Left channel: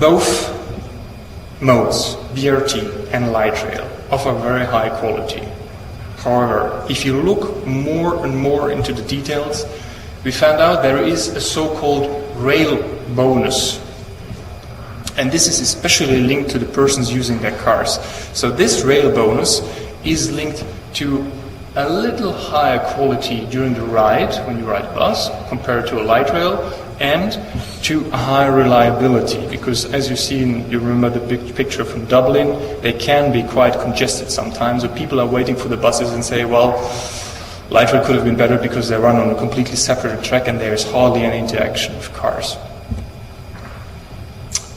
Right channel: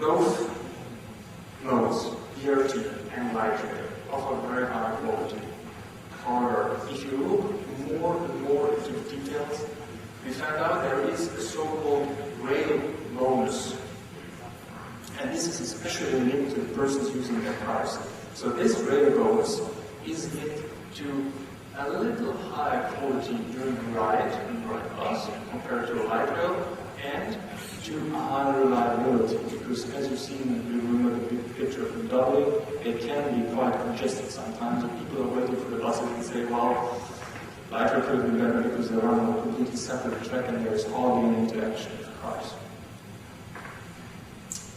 Both modes, BRT and light rail, offer very high quality. However, if you look more and more into the details, we found out there is a so-called rail bonus. And this is especially linked to the persons using their cars. So this rail bonus is linked to a little higher quality during the ride, when you ride a bus, compared to a light rail, and to a higher reliability, because as you see, you remember the big picture from Dublin, they can be quite congested sometimes, so people are waiting for the buses and say, well, light rail could have been better because they run on a completely separate track and there is hardly any interaction with cars.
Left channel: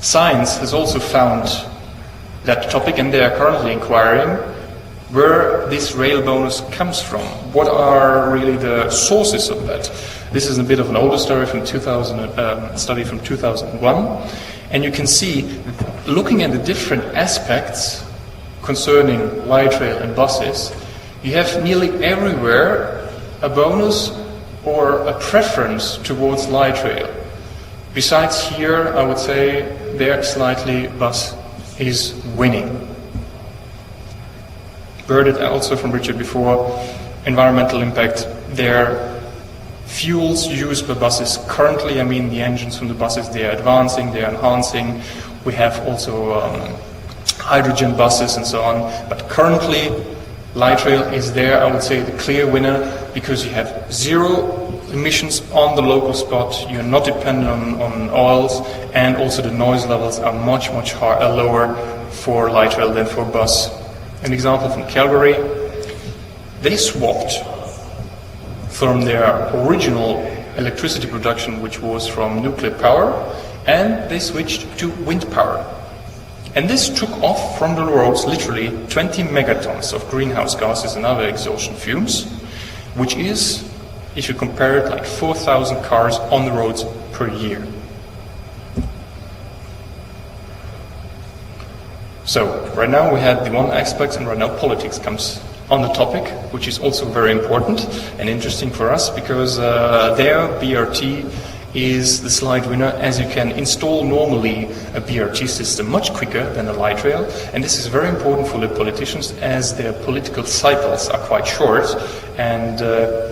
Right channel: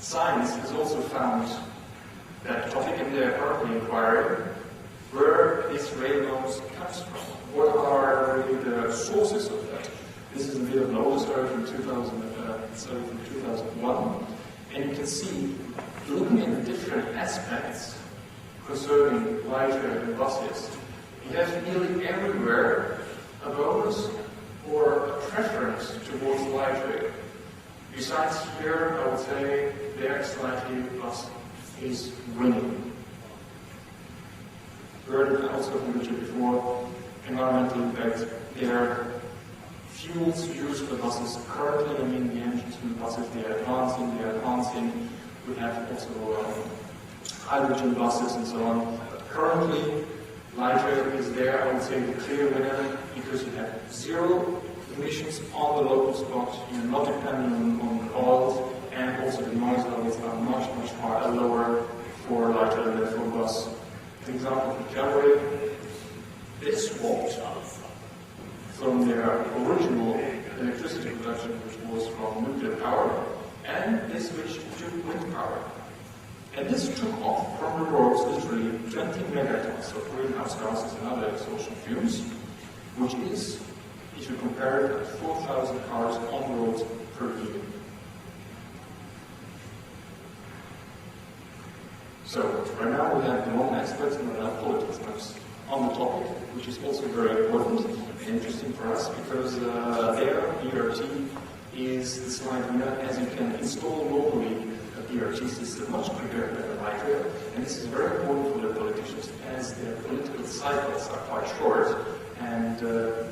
Science has also found that topic, and they are currently inquiring where this rail bonus comes from. What are really the sources of that? This is a bit of an older story from study from 2001, and you can see, looking at the different aspects concerning light rail and buses, you have nearly everywhere a bonus or a preference towards light rail. Besides here, I would say there slightly bus is winning. Heard it also from Richard before, environmental impact, their fuels used by buses currently, I mean the engines from the buses, they are advancing, they are enhancing. We have also hydrogen buses and so on, but currently light rail is there, I would say, the clear winner, because you have zero emissions on the local spot, you're not dependent on oils, and also the noise levels are much lower for light rail than for bus. An example from Calgary, they swapped from their original electricity production, which was from nuclear power, and they switched to wind power. And this took off from the roads literally 20 megatons of greenhouse gases and other exhaustion fumes, which is, if you compare it, like 4,000 cars on the roads per year. So, right now we had the one aspect, and right now politics comes on the topic, which is also very important and interesting for us, because their BRT is the slight winner, as you can install normally a BRT system much quicker than a light rail, and this is very important for the politicians as their political cycles are quite short, and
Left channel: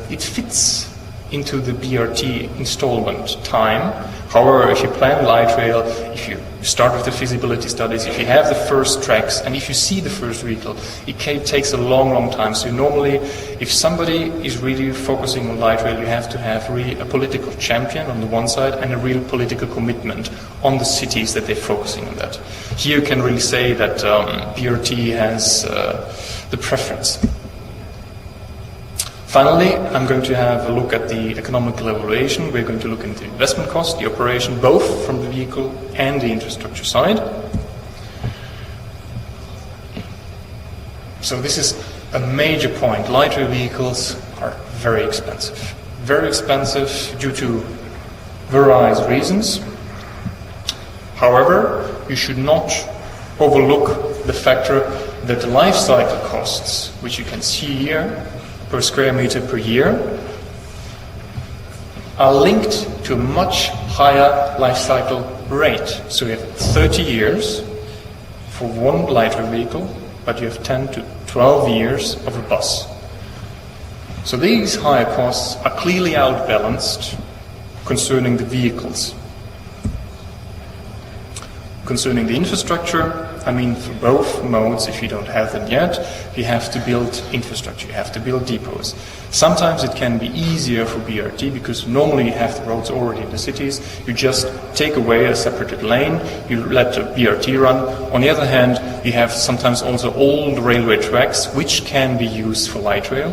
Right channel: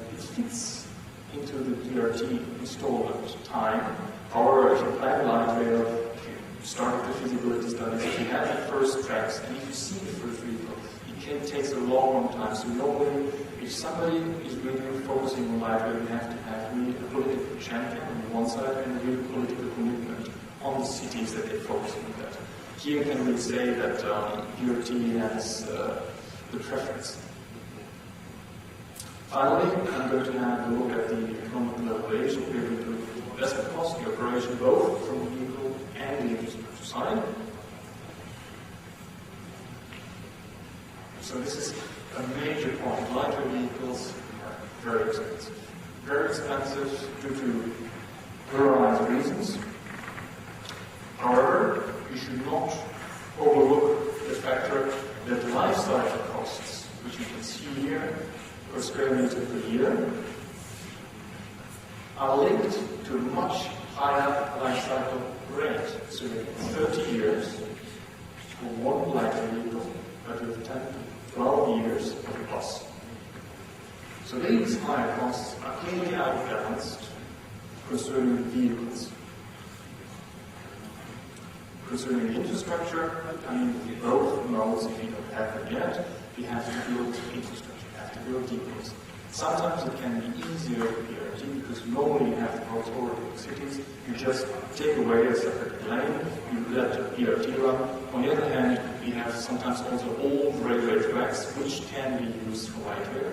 it fits into the BRT installment time. However, if you plan light rail, if you start with the feasibility studies, if you have the first tracks, and if you see the first vehicle, it takes a long time. So normally, if somebody is really focusing on light rail, you have to have really a political champion on the one side and a real political commitment on the cities that they're focusing on that. Here you can really say that BRT has the preference. Finally, I'm going to have a look at the economical evaluation. We're going to look into investment cost, the operation, both from the vehicle and the infrastructure side. So this is a major point. Light rail vehicles are very expensive. Very expensive due to various reasons. However, you should not overlook the factor that the life cycle costs, which you can see here, per square meter per year, are linked to a much higher life cycle rate. So you have 30 years for one light rail vehicle, but you have 10 to 12 years of a bus. So these higher costs are clearly outbalanced concerning the vehicles. Concerning the infrastructure, I mean, for both modes, if you don't have them yet, you have to build infrastructure, you have to build depots. Sometimes it can be easier for BRT because normally you have the roads already in the cities. You just take away a separated lane, you let the BRT run. On the other hand, you have sometimes also old railway tracks which can be used for light rail.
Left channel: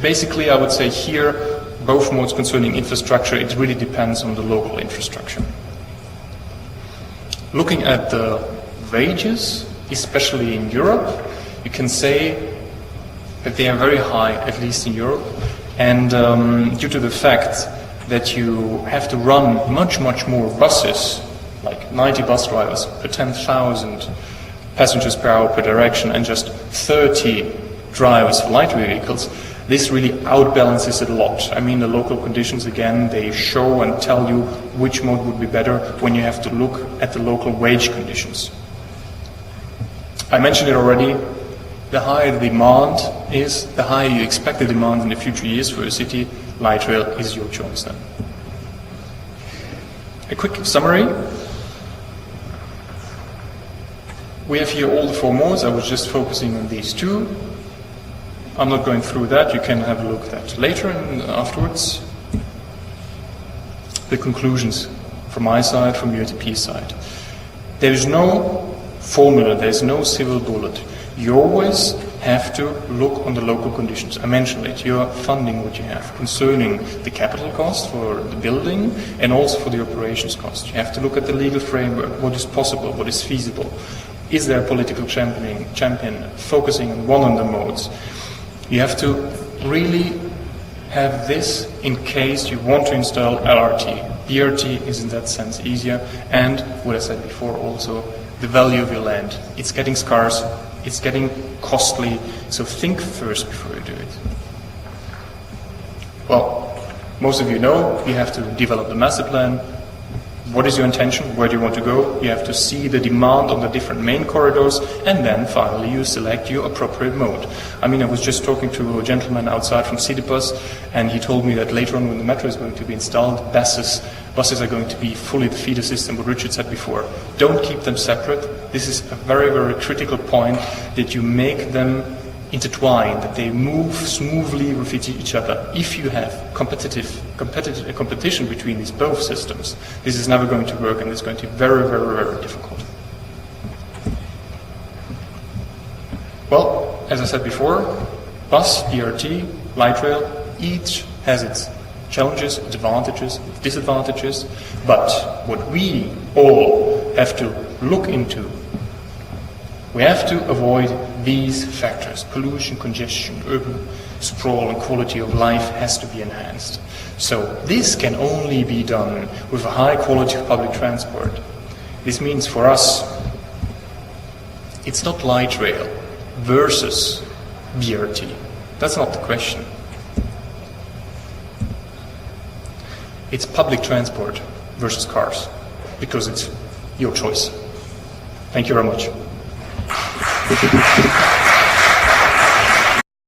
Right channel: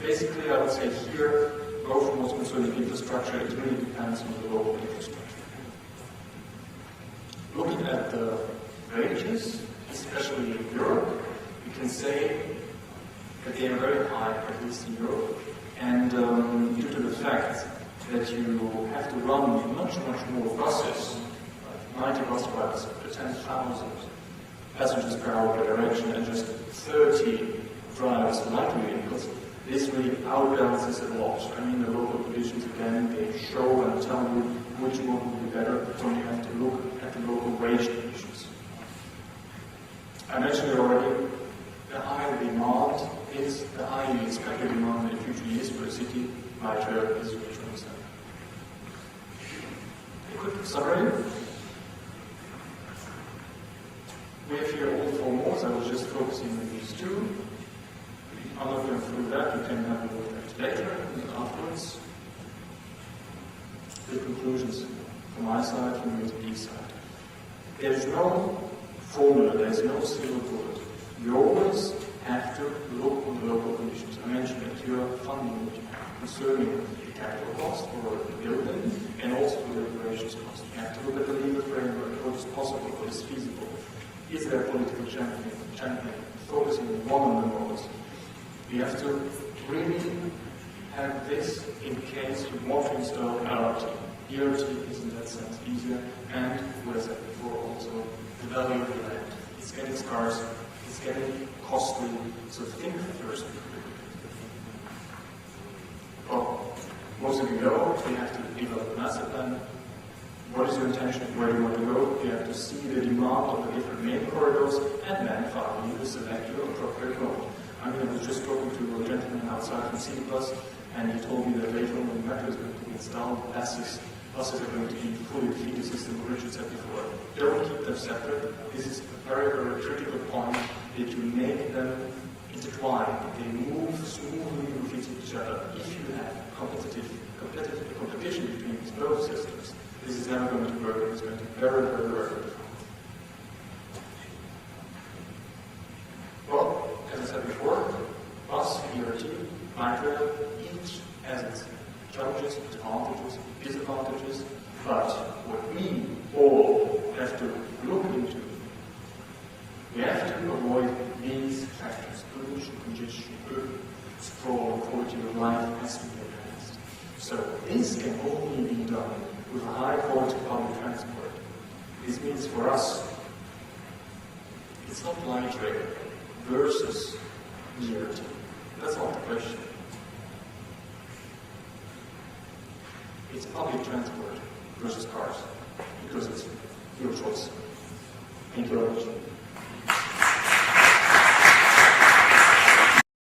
Basically, I would say here, both modes concerning infrastructure, it really depends on the local infrastructure. Looking at the wages, especially in Europe, you can say that they are very high, at least in Europe, and due to the fact that you have to run much more buses, like 90 bus drivers per 10,000 passengers per hour per direction, and just 30 drivers for light rail vehicles, This really outbalances it a lot. I mean, the local conditions, again, they show and tell you which mode would be better when you have to look at the local wage conditions. I mentioned it already, the higher the demand is, the higher you expect the demand in the future years for a city, light rail is your choice then. A quick summary. We have here all the 4 modes. I was just focusing on these 2. I'm not going through that. You can have a look at that later and afterwards. The conclusions from my side, from UATP side. There is no formula, there is no silver bullet. You always have to look on the local conditions. I mentioned it. You're funding what you have concerning the capital cost for the building and also for the operations cost. You have to look at the legal framework, what is possible, what is feasible. Is there a political champion focusing on one of the modes? You have to really have this in case you want to install LRT. BRT is in that sense easier, and what I said before also, the value of your land. It's getting scarce, it's getting costly, so think first before you do it. Well, most of you know you have to develop the master plan. What is your intention? Where do you want to go? You have to see the demand on the different main corridors, and then finally you select your appropriate mode. I mean, I was just talking to a gentleman outside from Citybus, and he told me that later on when the metro is going to be installed, buses are going to be fully the feeder system, what Richard said before. Don't keep them separate. This is a very, very critical point, that you make them intertwined, that they move smoothly with each other. If you have competition between these both systems, this is never going to work, and it's going to be very, very, very difficult. Well, as I said before, bus, BRT, light rail, each has its challenges, advantages, disadvantages, but what we all have to look into, we have to avoid these factors. Pollution, congestion, urban sprawl, and quality of life has to be enhanced. So this can only be done with a high quality of public transport. This means for us, it's not light rail versus BRT. That's not the question. It's public transport versus cars, because it's your choice. Thank you very much.